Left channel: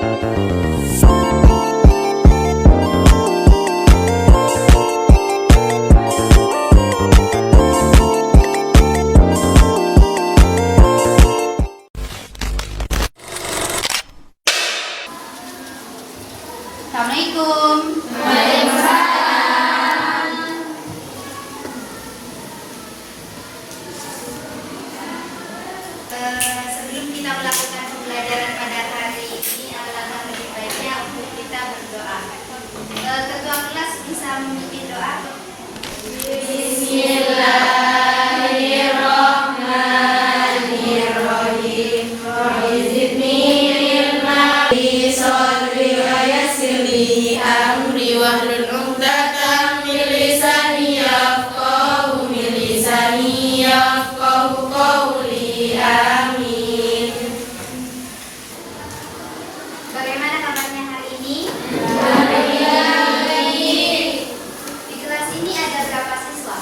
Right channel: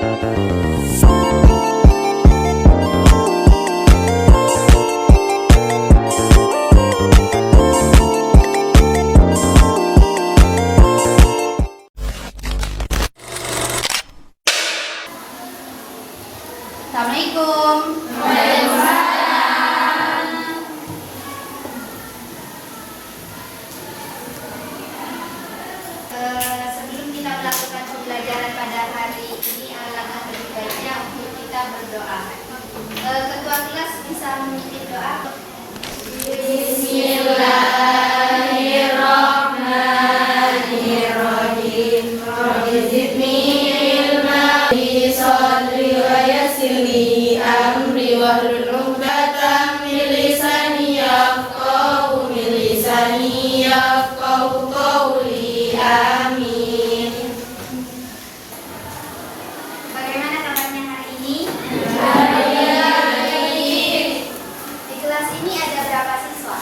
Assalamualaikum. Sebelum kita melakukan pembelajaran pada hari ini, alangkah lebih baiknya untuk kita berdoa. Ketua kelas bisa memimpin doa. Bismillahirrahmanirrahim. Rabbi zidni ilma li sadri wa yassir li amri wahlul 'uqdatam min lisani yafqahu qawli. Amin. Bagaimana kabarnya hari ini? Di kelas ini ada berapa siswa?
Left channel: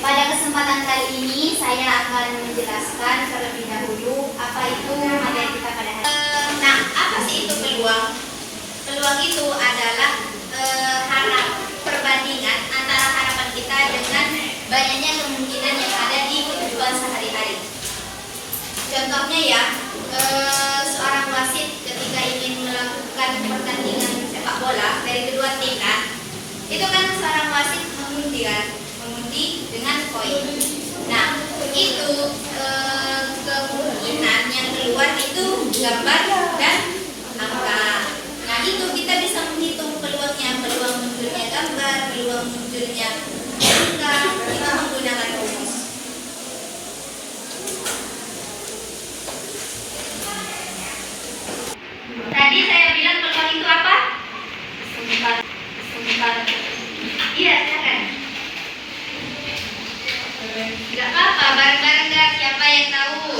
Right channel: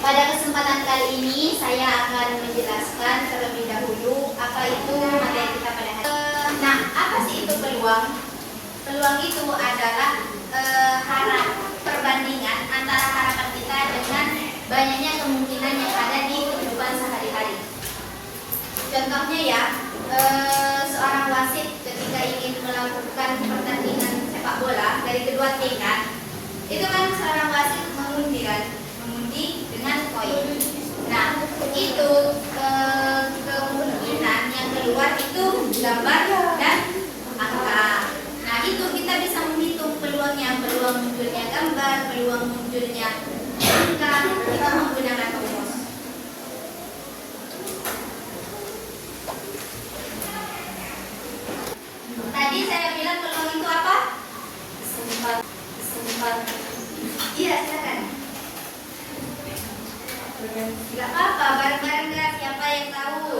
Pada kesempatan kali ini saya akan menjelaskan terlebih dahulu apa itu materi kita pada hari ini. Nah, apa sih itu peluang? Peluang itu adalah perbandingan antara harapan kita dengan banyaknya kemungkinan yang ada di kehidupan sehari-hari. Contohnya ya, seorang wasit ketika ingin melakukan pertandingan sepak bola dari kedua tim kan, itu kan seorang wasit mengundi dengan koin. Nah, itu kemungkinan yang keluar itu gambar dan angka. Nah, itu kita bisa menghitung peluang munculnya gambar, peluang munculnya angka, kita menggunakan rumus. Tadi saya bilang peluang itu apa? Sempat. Iya, silakan. Gak apa-apa, bareng-bareng gak? Siapa yang tahu?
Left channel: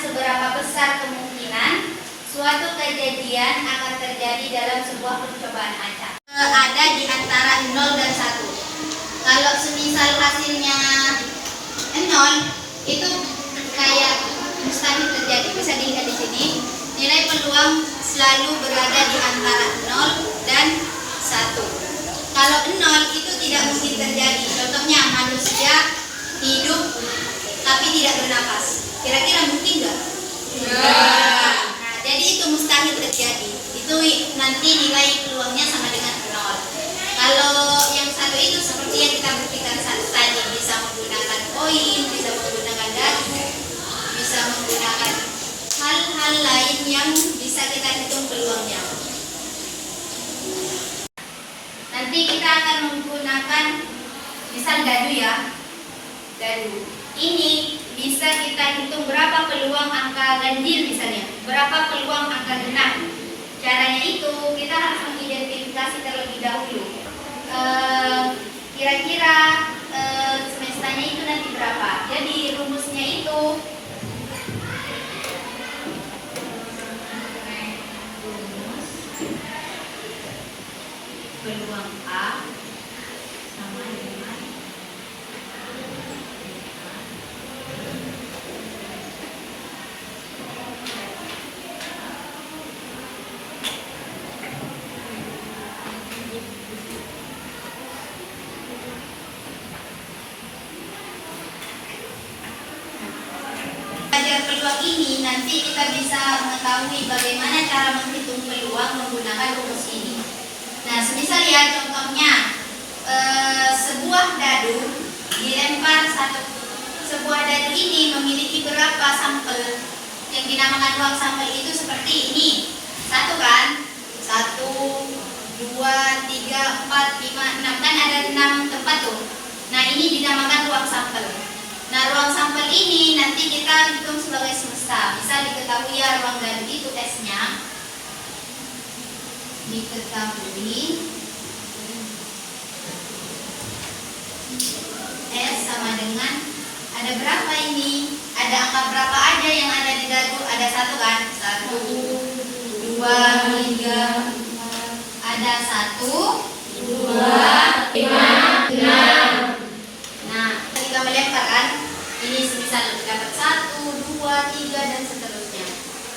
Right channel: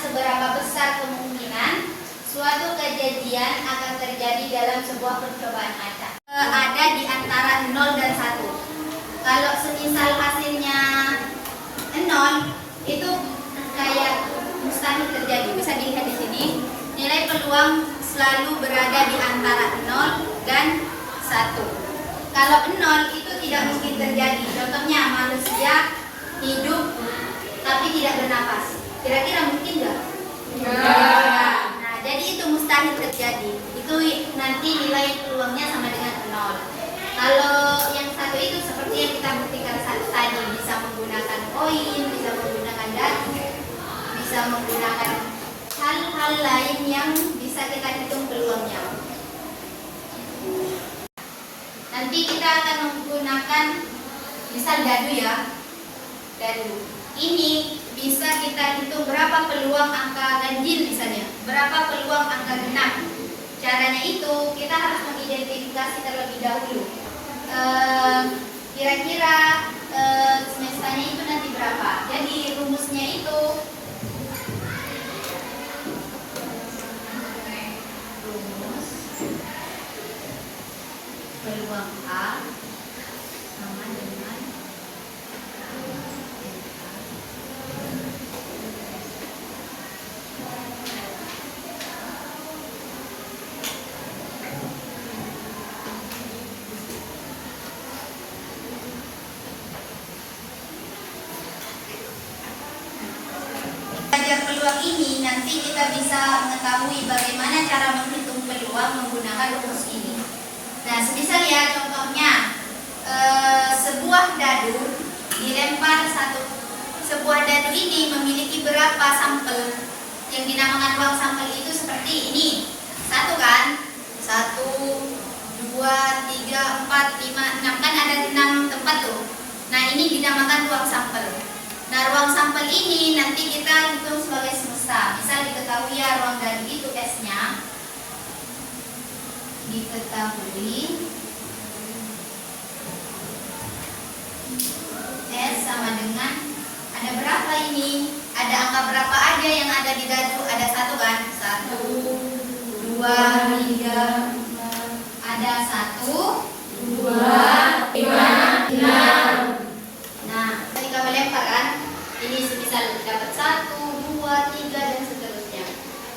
Seberapa besar kemungkinan suatu kejadian akan terjadi dalam sebuah percobaan acak? Ada di antara 0 dan 1. Kalau semisal hasilnya 0, itu kayak mustahil terjadi. Bisa dilihat di sini, nilai peluang selalu berada di antara 0 dan 1. Kalau 0 itu tidak mungkin terjadi. Contohnya manusia hidup tapi tidak bernapas. Kira-kira mungkin nggak? Nah, jadi itu mustahil terjadi. Itu nanti nilai peluangnya sama dengan 0. Kalau yang satu itu seperti yang kita buktikan tadi, bisa menggunakan koin, bisa menggunakan daging, bisa menggunakan hal-hal lain yang bisa kita hitung peluangnya. Nanti kita akan menggunakan misal dadu ya. Dadu. Ini bisa kita hitung berapa peluang angka ganjil misalnya, berapa peluang angka genap. Caranya itu kita harus mengidentifikasi terlebih dahulu. Kira-kira semestanya itu nanti berapa. Jadi rumusnya itu rumus peluang A sama dengan peluang ini nanti kita bisa mengetahui bagaimana cara menghitung peluang menggunakan rumus ini. Nah, semisal ya contohnya sebuah dadu dilempar sebuah dadu ini memiliki berapa sampel yang dinamakan ruang sampel itu seperti ini. 1 kan? 1, 2, 3, 4, 5, 6 kan ada 6 tempat tuh. Nah, ini dinamakan ruang sampel. Nah, ruang sampel ini nanti kita hitung sebagai semesta. Bisa diketahui ya ruang dadu itu S-nya. Diketahui S sama dengan ada berapa ini? Ada angka berapa aja yang ada di dadu? Ada 1 kan? 1, 2, 3, ada 1, 2, 5, 6. Nah, ketika melempar kan, ini semisal dapat 1, 2, 3 dan seterusnya.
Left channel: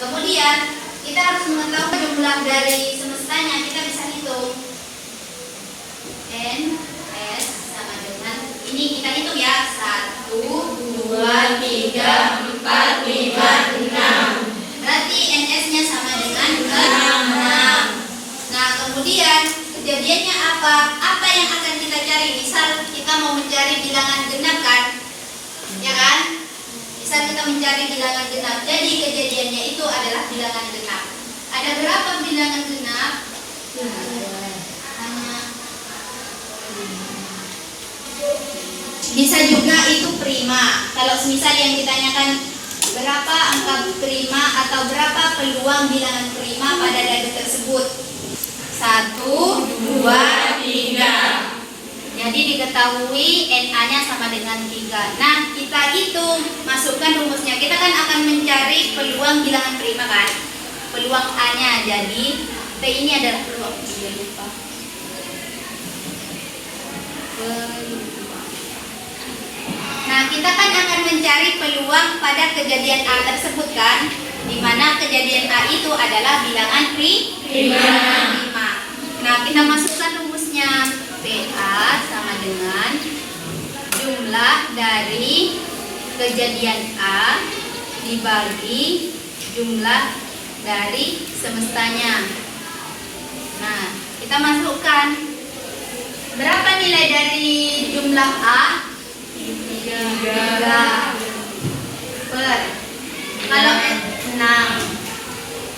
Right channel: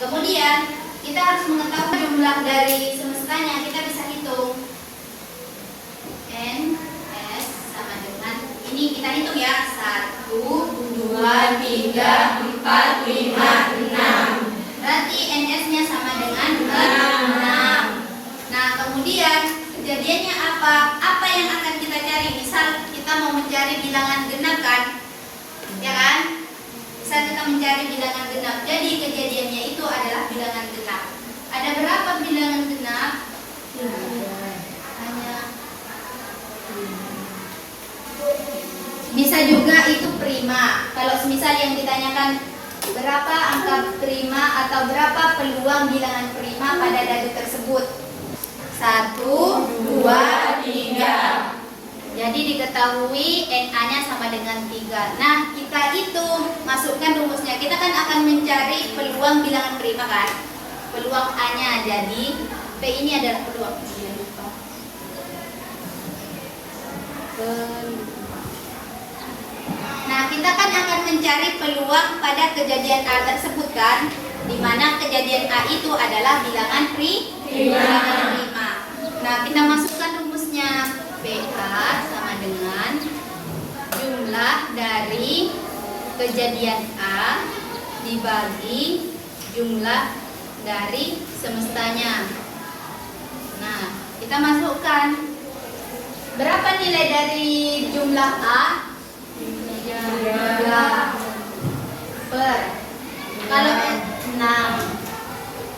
Kemudian kita harus mengetahui jumlah dari semestanya. Kita bisa hitung N S sama dengan ini, kita hitung ya 1, 2, 3, 4, 5, 6. Berarti NS-nya sama dengan 6. Nah, kemudian kejadiannya apa? Apa yang akan kita cari? Misal kita mau mencari bilangan genap kan? Ya kan? Misal kita mencari bilangan genap. Jadi kejadiannya itu adalah bilangan genap. Ada berapa bilangan genap? Bisa juga itu prima. Kalau semisal yang ditanyakan berapa angka prima atau berapa peluang bilangan prima pada dadu tersebut? 1, 2, 3. Jadi diketahui NA-nya sama dengan 3. Nah, kita hitung, masukkan rumusnya. Kita kan akan mencari peluang bilangan prima kan? Peluang A-nya. Jadi P ini adalah peluang. Jangan lupa. Nah, kita kan akan mencari peluang pada kejadian A tersebut kan? Di mana kejadian A itu adalah bilangan prima. Nah, kita masukkan rumusnya. PA sama dengan jumlah dari kejadian A dibagi jumlah dari semestanya. Nah, kita masukkan. Berapa nilai dari jumlah A? 3 per, kalau 6,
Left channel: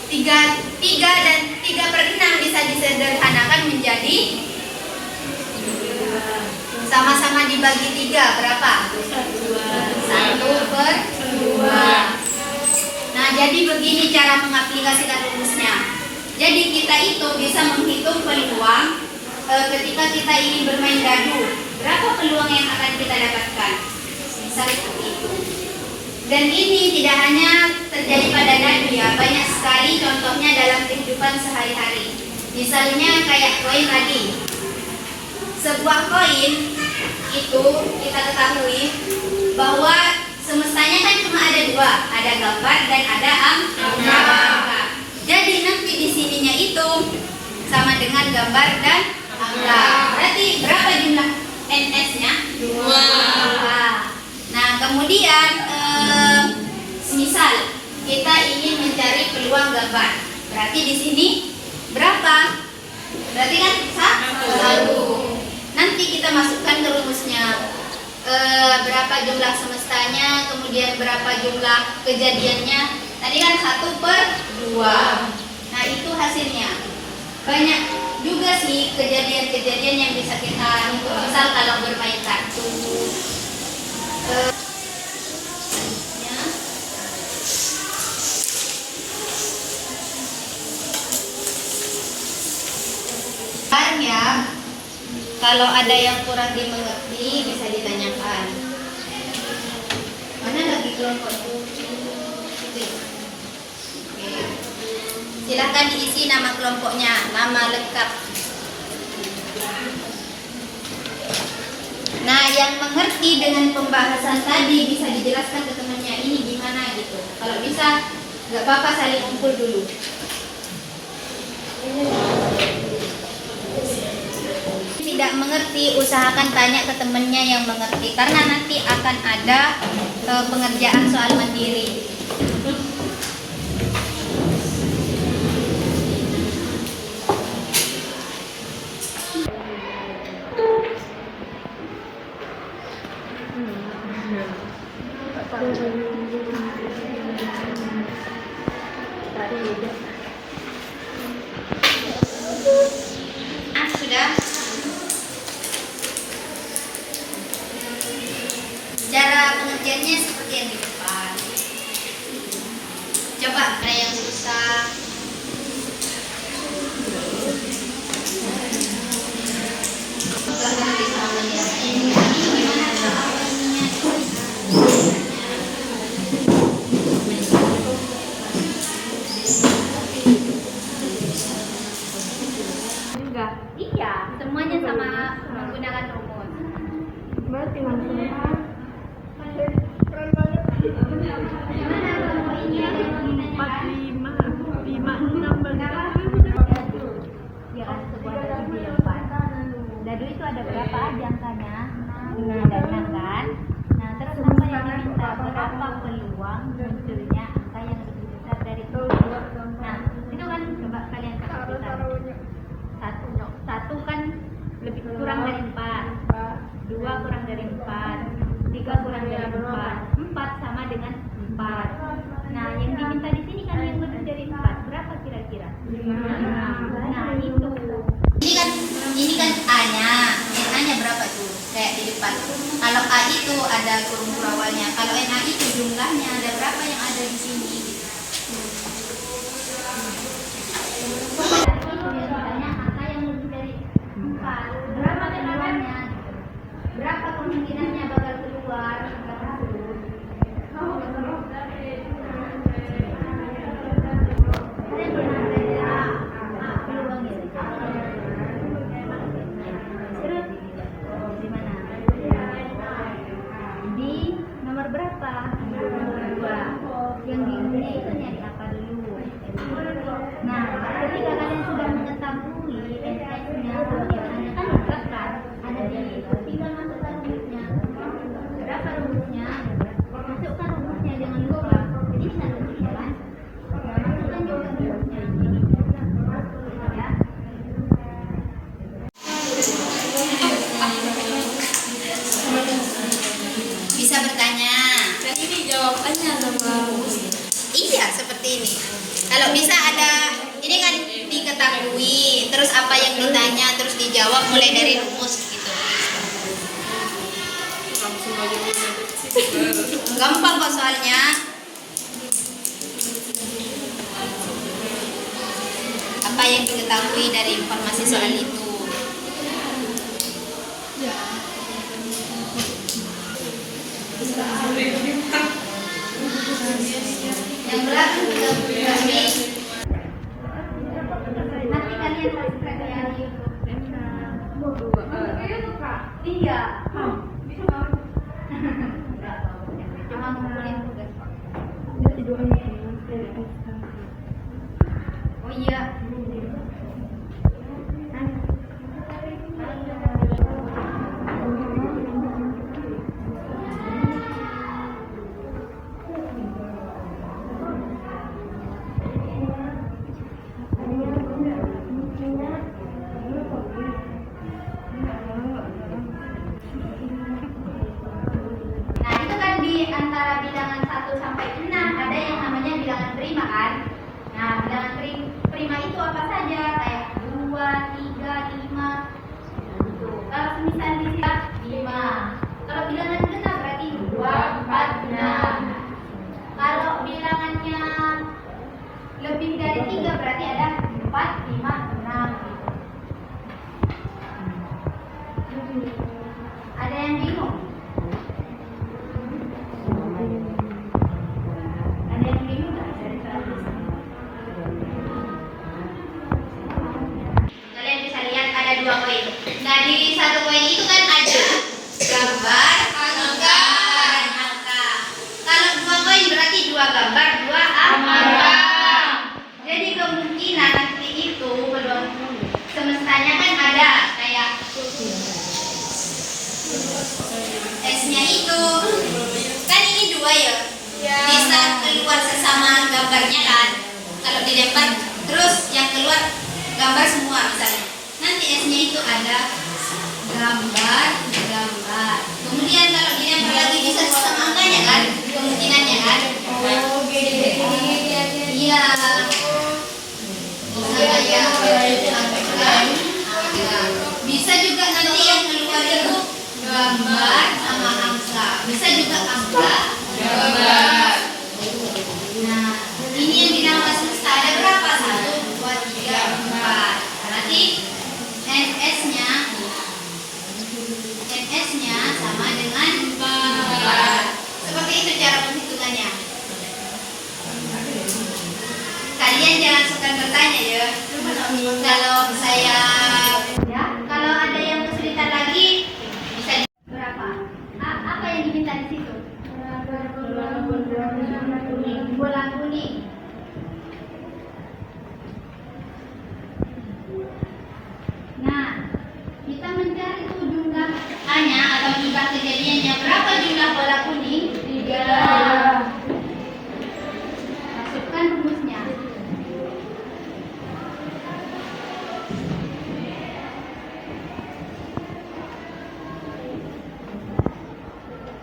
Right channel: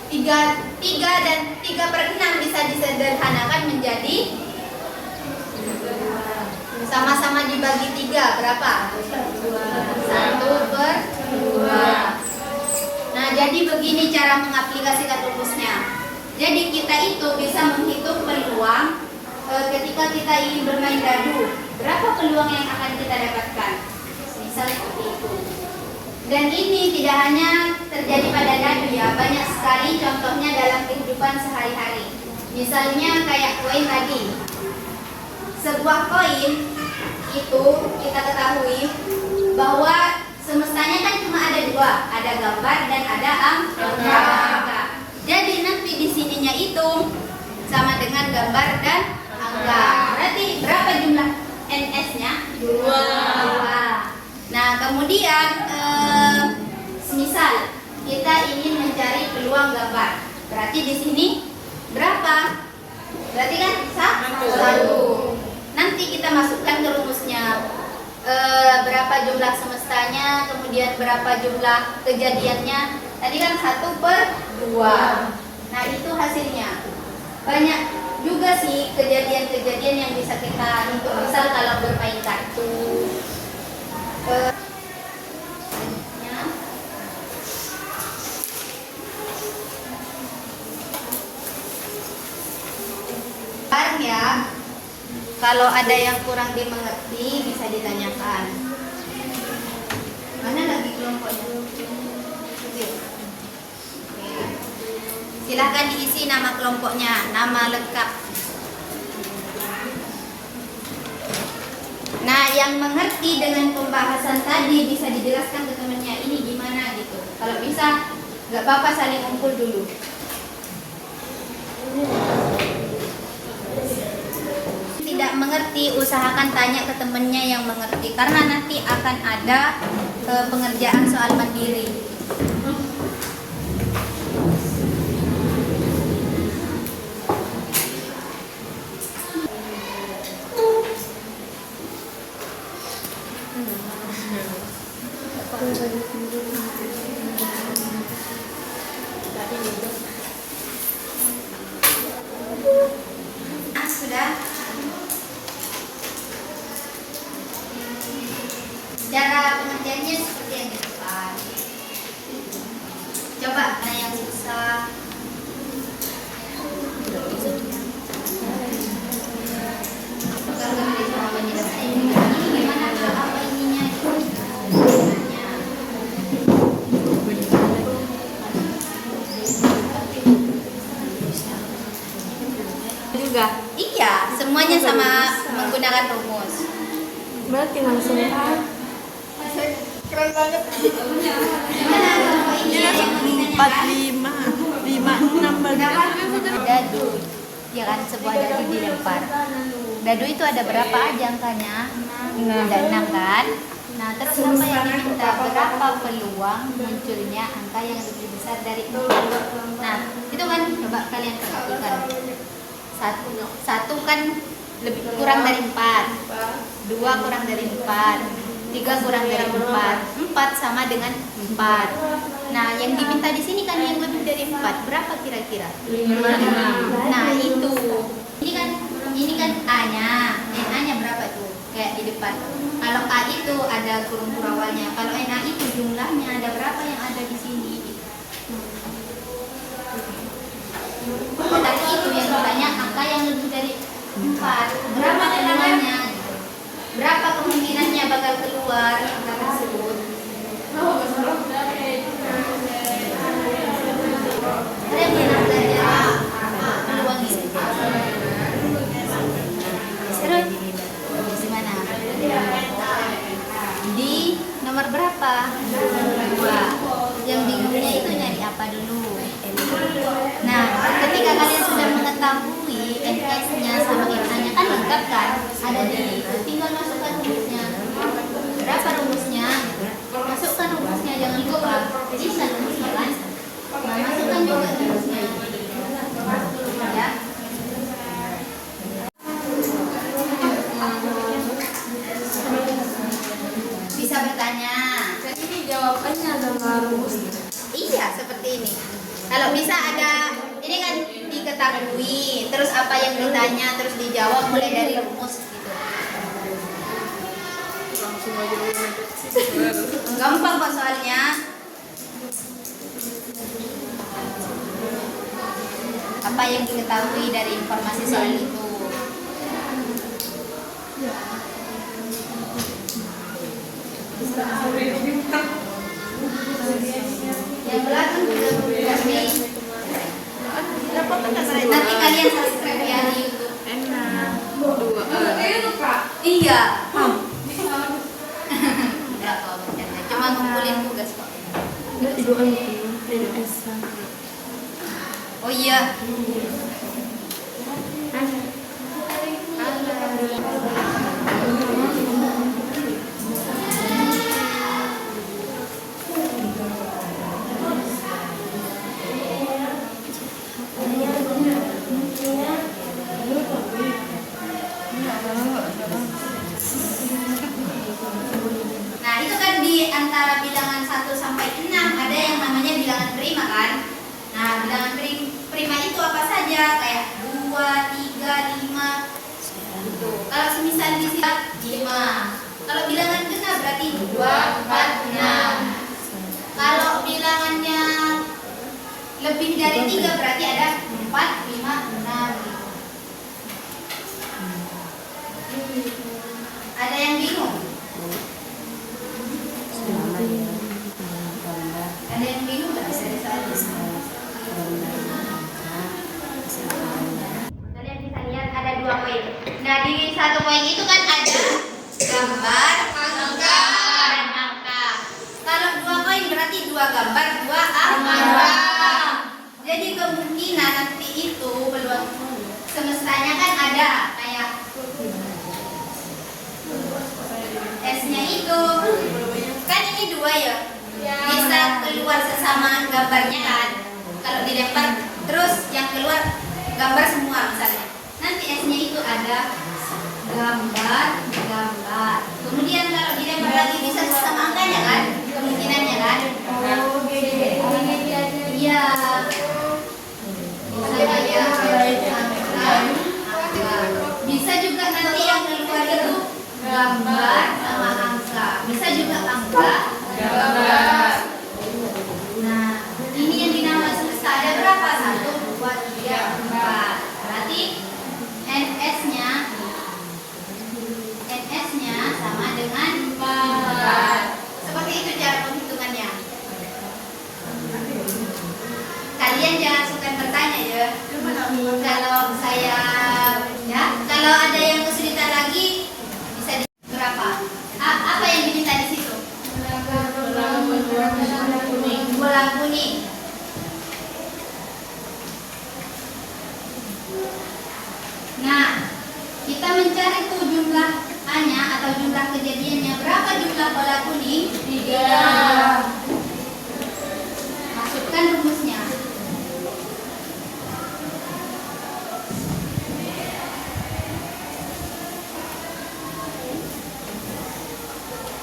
3 dan 3 per 6 bisa disederhanakan menjadi sama-sama dibagi 3 berapa? 1 per 2. Nah, jadi begini cara mengaplikasikan rumusnya. Jadi kita itu bisa menghitung peluang ketika kita ingin bermain dadu. Berapa peluang yang akan kita dapatkan? Misal seperti itu. Dan ini tidak hanya terjadi pada dadu ya, banyak sekali contohnya dalam kehidupan sehari-hari. Misalnya kayak koin tadi. Sebuah koin itu kita ketahui bahwa semestanya kan cuma ada 2, ada gambar dan ada angka. Jadi nanti di sininya itu sama dengan gambar dan angka. Berarti berapa jumlah NS-nya? 2. Nah, kemudian semisal kita ingin mencari peluang gambar. Berarti di sini berapa? Berarti kan 1. Nanti kita masukkan ke rumusnya. Berapa jumlah semestanya, kemudian berapa jumlah kejadiannya. Tadi kan 1 per 2. Nah, itu hasilnya. Banyak juga sih kejadian-kejadian yang bisa kita hitung. Misal kalau bermain kartu. Ya, kalau ada yang kurang dimengerti bisa ditanyakan. Mana lagi kelompok itu? Oke. Silahkan diisi nama kelompoknya, nama lengkap. Nah, yang mengerti dengan pembahasan tadi bisa dijelaskan ke temannya ini gimana gitu. Kalau bisa, nggak apa-apa saling kumpul dulu. Tidak mengerti, usahakan tanya ke temannya yang mengerti karena nanti akan ada pengerjaan soal mandiri. Sudah. Cara pengerjaannya seperti yang di depan. Coba ada yang susah. Gimana cara apa ininya? Juga. Iya, semuanya sama menggunakan rumus. Berarti langsung Keren banget. Gimana kalau ini yang begininya kan? 4, 5, 6 Dadu, ya kan sebuah dadu dilempar. Dadu itu ada berapa aja angkanya? 6 kan? Nah terus apa yang diminta? Berapa peluang munculnya angka yang lebih besar dari 4? Nah itu kan coba kalian perhatikan. Satu kan lebih kurang dari 4, 2 kurang dari 4, 3 kurang dari 4, 4 sama dengan 4. Nah, yang diminta di sini kan yang lebih dari 4. Berapa kira-kira? 5. Nah, itu. Ini kan A-nya. A-nya berapa tuh? Kayak di depan. Kalau A itu ada kurung awalnya. Kalau NA itu jumlahnya ada berapa yang ada di sini? Tadi itu yang ditanya angka yang lebih dari 4. Berapa peluangnya? Berapa kemungkinannya bakal keluar angka tersebut? Kalian pernah belajar peluang itu? Terus di mana? Di nomor berapa? 2. Yang bingungnya itu nyari apa dulu? Nah, ketika kalian sudah mengetahui NS-nya sama NA-nya kan lengkap kan? Ada di tinggal masukkan rumusnya. Berapa rumusnya? Masukkan rumusnya, jangan lupa. Ini kan rumusnya kan? Nah, masukkan juga rumusnya. Ya. Bisa bertanya. Dan ini jawabannya sama rumusnya. Iya, seperti ini. Kalau bisa ada, ini kan diketahui, terus apa yang ditanya, terus dijawab mulai dari rumus gitu. langsung aja Gampang kok soalnya. Apa yang diketahui dari informasi soal itu? Yang belakang juga berarti. Nanti kalian subscribe ya di YouTube. enak. 2 Iya. Enggak kok, bercanda. Cuma ngumpulin tugas kok. Berarti doa NS. Oh iya. Nah, itu kan di antara bilangan 1 sampai 6 ada yang namanya bilangan prima kan? Nah, bilangan prima itu apa saja? Kayak 2, 3, 5. Tuh. Kalau semisal di sini 5. Kalau bilangan genap berarti 2, 4, 6. Kalau bilangannya lebih dari 3 berarti ada 4, 5, 6 gitu. Ada yang bingung? Ada yang bingung nggak dari soal ini? Kalian bisa lihat ada 2 koin. Nah di 1 koin itu kan ada gambar, angka, dan angka. Kalau 2 koin berarti 2 gambar, 2 angka. Jadi kemungkinan nanti itu peluang semestanya kan ada kayak S-nya itu kan ini 2 ya. Bisa keluar sesama gambarnya kan. Kalau dilempar terus yang keluar gambar semua misalnya. Nanti S-nya itu ada gambar. Kemudian kalau dilempar lagi bisa sesama angkanya kan. gambar sama angka. Bisa juga angka, gambar. Nah, ini yang dinamakan semesta ada berapa? 1, 2, 3, 4. Berarti NS-nya sama dengan 4. Seperti itu cara penghitungannya. Kalian jangan suka bertanya ya. Kalau saya kalau ada yang kesulitan lagi bisa berapa? Apa yang diminta di situ? Bola kuning. Nah, kita mencari tuh jumlah A-nya atau jumlah kejadiannya. Berapa jumlah bola kuning? 3. Masukkan rumusnya.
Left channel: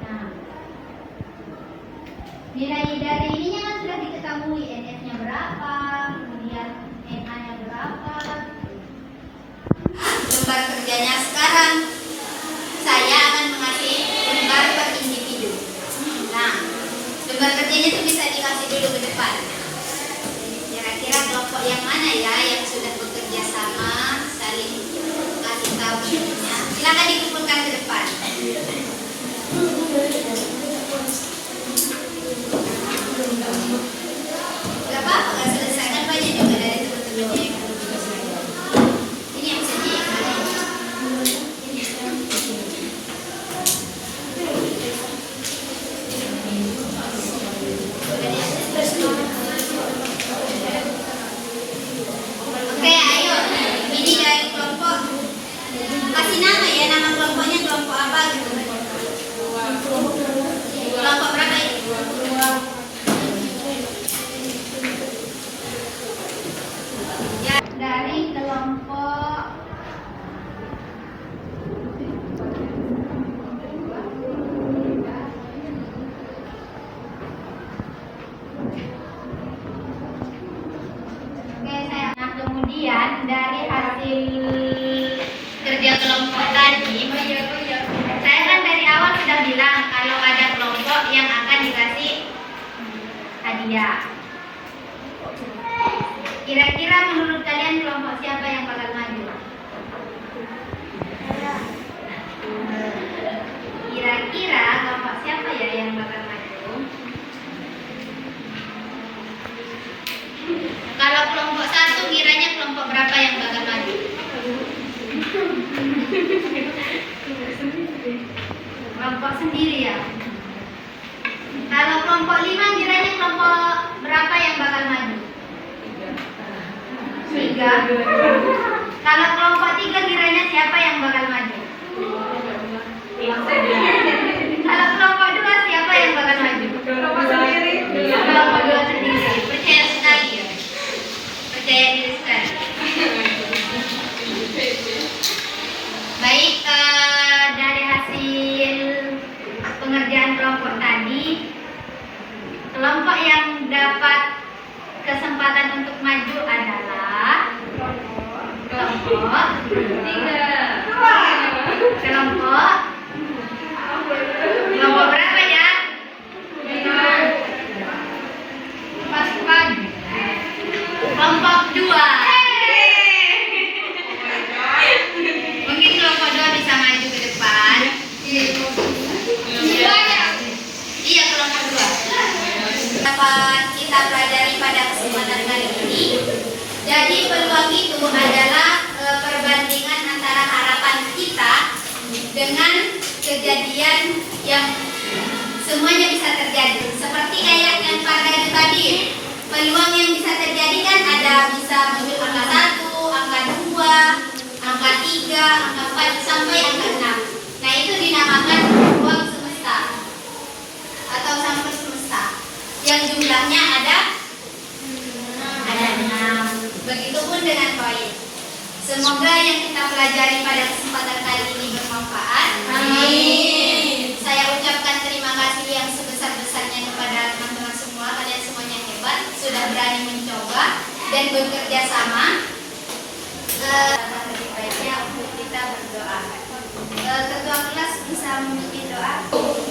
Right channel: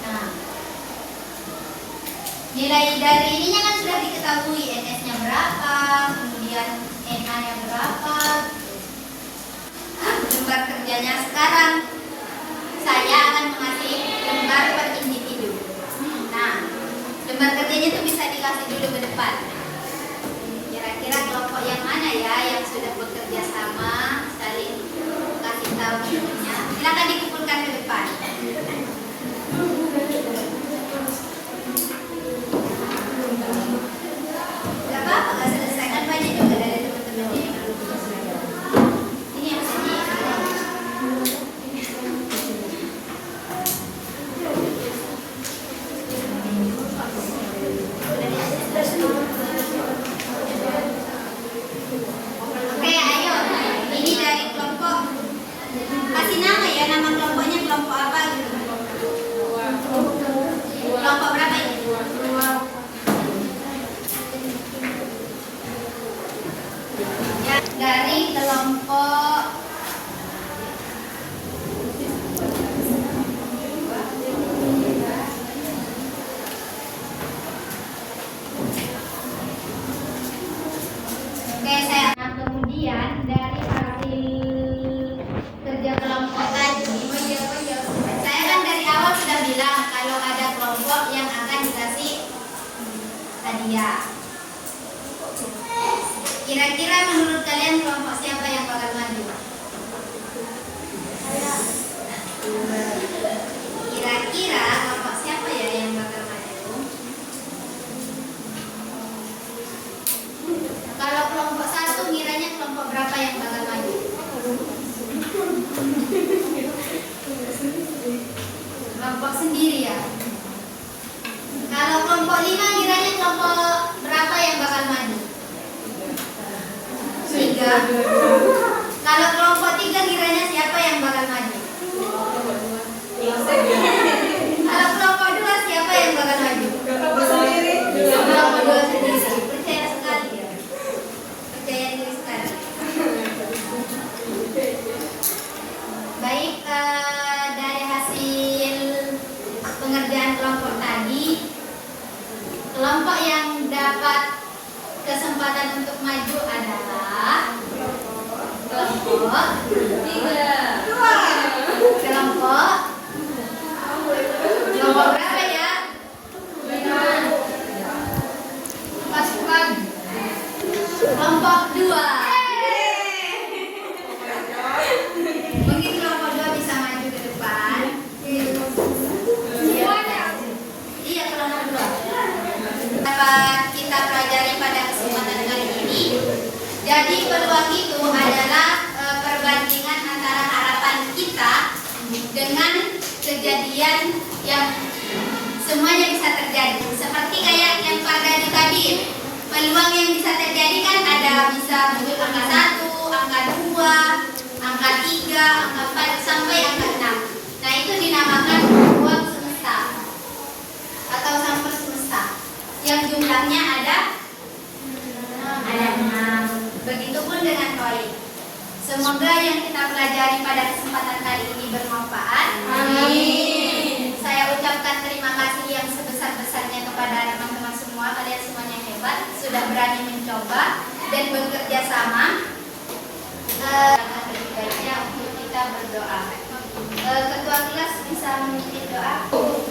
Nah, nilai dari ininya kan sudah diketahui, NS-nya berapa, kemudian NA-nya berapa. Lembar kerjanya sekarang saya akan mengasih lembar per individu. Nah, lembar kerjanya itu bisa dikasih dulu ke depan. Kira-kira kelompok yang mana ya yang sudah bekerja sama, saling kasih tahu bentuknya. Silakan dikumpulkan ke depan. Gak apa-apa, gak selesai kan banyak juga dari teman-temannya yang belum selesai. Ini yang sedih. Oke, ayo. Ini dari kelompok. Kasih nama ya, nama kelompoknya kelompok apa gitu. Kelompok berapa ini? Ya, dari kelompok kemudian dari hasil kerja kelompok tadi, saya kan dari awal sudah bilang kalau ada kelompok yang akan dikasih hadiah. Kira-kira menurut kalian kelompok siapa yang bakal maju? Kira-kira kelompok siapa ya yang bakal maju? Kalau kelompok 1 kiranya kelompok berapa yang bakal maju? Kelompok sendiri ya. Kalau kelompok 5 kiranya kelompok berapa yang bakal maju? 3. Kalau kelompok 3 kiranya siapa yang bakal maju? Kalau kelompok 2 siapa yang bakal maju? Kelompok sendiri. Kelompok 2 sendiri. Percaya sekali ya. Percaya diri sekali. Baik, dari hasil pengerjaan kelompok tadi, kelompok yang dapat kesempatan untuk maju adalah kelompok 3. Kelompok berapa ya? Pasukan kelompok 2. Mungkin kelompok 2 bisa maju ke depan. Iya, kelompok 2 dapat kita pelajari pada kesempatan kali ini. Jadi peluang itu adalah perbandingan antara harapan kita dengan kejadian yang semuanya bisa terjadi. Seperti kayak yang pada tadi, peluang yang bisa terjadi kan ada bisa muncul angka 1, angka 2, angka 3, angka 4 sampai angka 6. Nah, itu dinamakan peluang semesta atau sampel semesta yang jumlahnya ada 6. Begitupun dengan koin. Semoga yang kita pelajari pada kesempatan kali ini bermanfaat. Amin. Saya ucapkan terima kasih yang sebesar-besarnya kepada teman-teman semua. Kalian semuanya hebat, sudah berani mencoba dan bekerja sama. Lebih baiknya untuk kita berdoa. Ketua kelas bisa memimpin doa.